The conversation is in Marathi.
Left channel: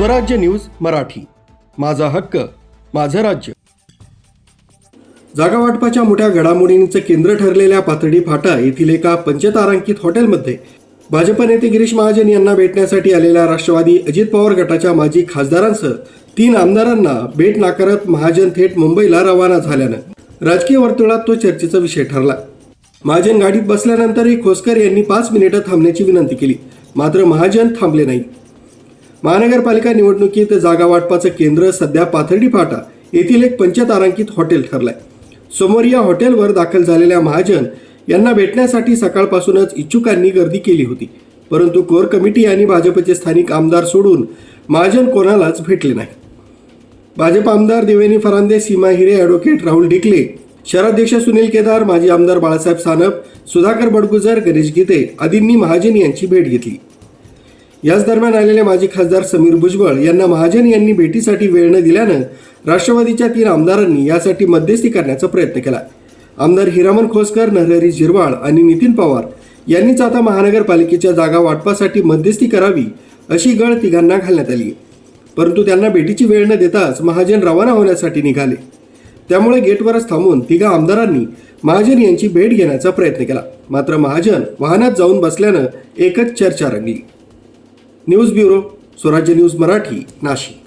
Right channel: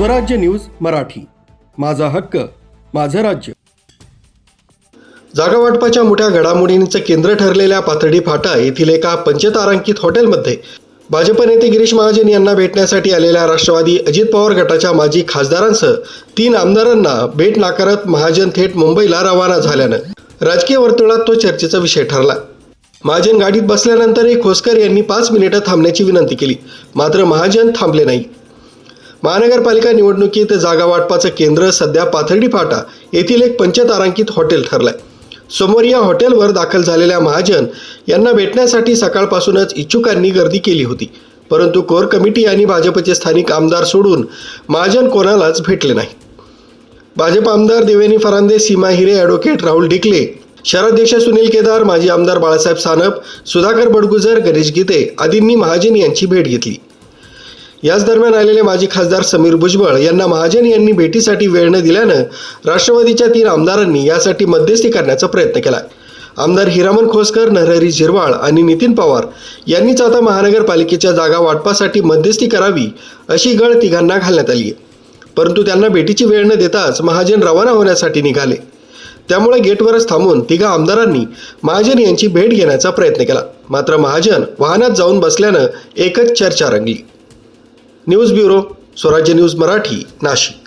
स्वराज्य न्यूज मराठी, माझा हक्क माझं राज्य. जागा वाटपाच्या मोठ्या घडामोडींचं केंद्र ठरलेल्या पाथर्डी फाटा येथील एका पंचतारांकित हॉटेलमध्ये भाजप नेते गिरीश महाजन यांना भेटण्यासाठी आलेल्या राष्ट्रवादी अजित पवार गटाच्या माजी खासदारांसह 3 आमदारांना भेट नाकारत महाजन थेट मुंबईला रवाना झाल्यानं राजकीय वर्तुळात तो चर्चेचा विषय ठरला. महाजन गाडीत बसल्यानंतरही खोसकर यांनी 5 मिनिटं थांबण्याची विनंती केली, मात्र महाजन थांबले नाही. महानगरपालिका निवडणुकीत जागा वाटपाचं केंद्र सध्या पाथर्डी फाटा येथील एक पंचतारांकित हॉटेल ठरलंय. सोमवारी या हॉटेलवर दाखल झालेल्या महाजन यांना भेटण्यासाठी सकाळपासूनच इच्छुकांनी गर्दी केली होती, परंतु कोर कमिटी आणि भाजपचे स्थानिक आमदार सोडून महाजन कोणालाच भेटले नाही. भाजप आमदार देवेनी फरांदे, सीमा हिरे, ॲडव्होकेट राहुल डिकले, शहराध्यक्ष सुनील केदार, माजी आमदार बाळासाहेब सानप, सुधाकर बडगुजर, गणेश गीते आदींनी महाजन यांची भेट घेतली. याच दरम्यान आलेले माजी खासदार समीर भुजबळ यांना महाजन यांनी भेटीसाठी वेळ न दिल्यानं राष्ट्रवादीच्या 3 आमदारांनी यासाठी मध्यस्थी करण्याचा प्रयत्न केला. आमदार हिरामन खोसकर, नरहरी झिरवाळ आणि नितीन पवार यांनीच आता महानगरपालिकेच्या जागा वाटपासाठी मध्यस्थी करावी अशी गळ तिघांना घालण्यात आली आहे. परंतु त्यांना भेटीची वेळ न देताच महाजन रवाना होण्यासाठी निघाले. त्यामुळे गेटवरच थांबून 3 आमदारांनी महाजन यांची भेट घेण्याचा प्रयत्न केला, मात्र महाजन वाहनात जाऊन बसल्यानं एकच चर्चा रंगली. न्यूज ब्युरो, स्वराज्य न्यूज मराठी, नाशिक.